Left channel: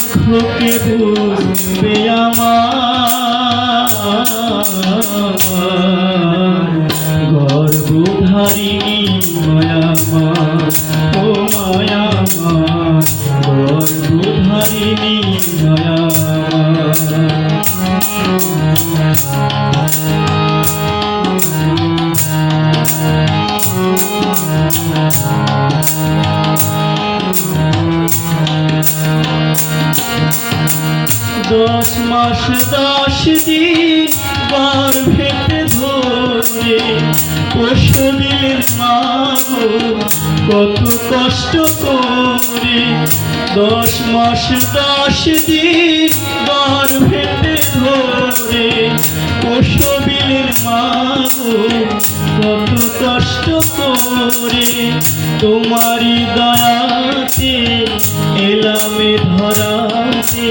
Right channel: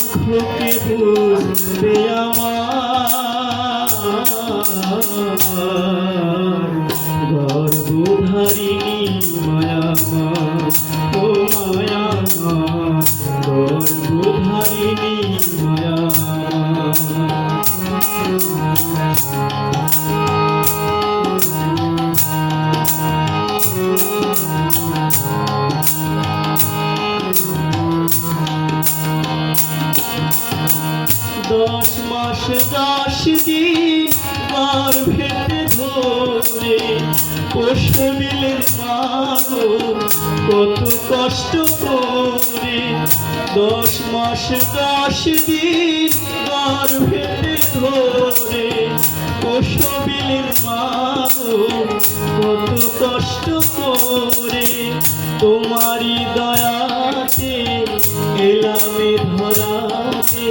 দুঃখকে বুঝবে আমার গর্ভধারিণী মায়ামা ও মায়ামা গর্ভধারিণী মায়ামা দশ মাস 10 দিন গর্ভেতে ধরে প্রসবিলের মা কত কষ্ট করে 10 মাস 10 দিন গর্ভেতে ধরে প্রসবিলের মা কত কষ্ট করে তোমারই দয়াতে এলামে ধরাতে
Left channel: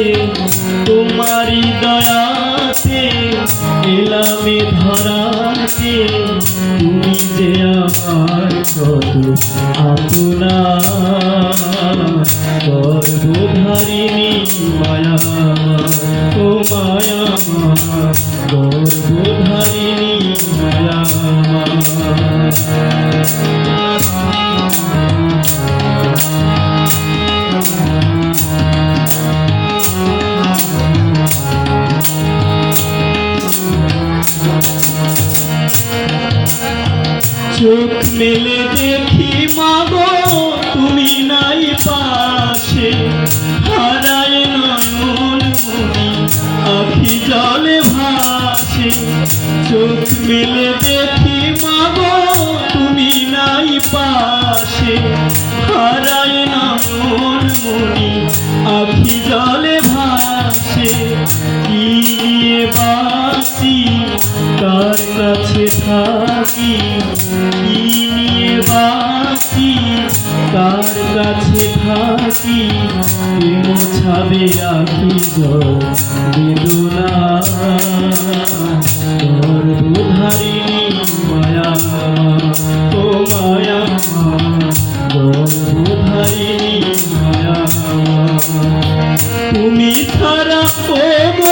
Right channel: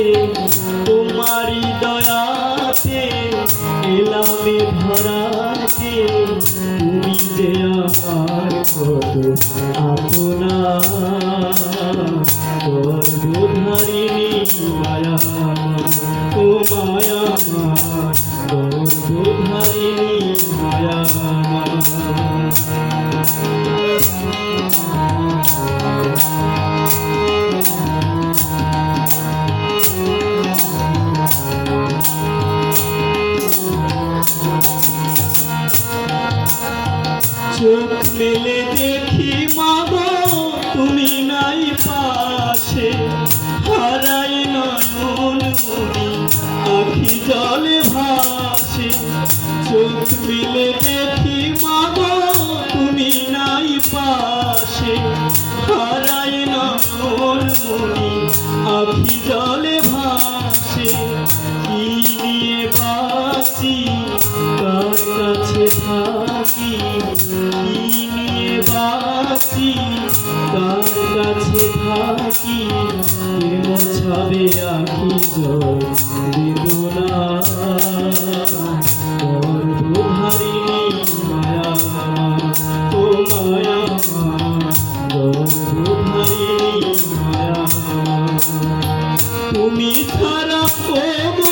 তোমারি দয়াতে এলামে ধরাতে তুমি যে আমার কত আপনা গর্ভধারিণী মায়ামা ও মায়ামা গর্ভধারিণী মায়ামা চোখ মেলে দেখি মাগো তুমি নাই পাশে হারায় নয়ন মনি আখি জলে ভাসে চোখ মেলে দেখি মাগো তুমি নাই পাশে হারায় নয়ন মনি আখি জলে ভাসে কি নিয়ে বাঁচি কার কাছে থাকি কি নিয়ে বাঁচি কার কাছে থাকি কে মোছাবে আখি জল বেদনা গর্ভধারিণী মায়ামা ও মায়ামা গর্ভধারিণী মায়ামা তুমি ছাড়া ও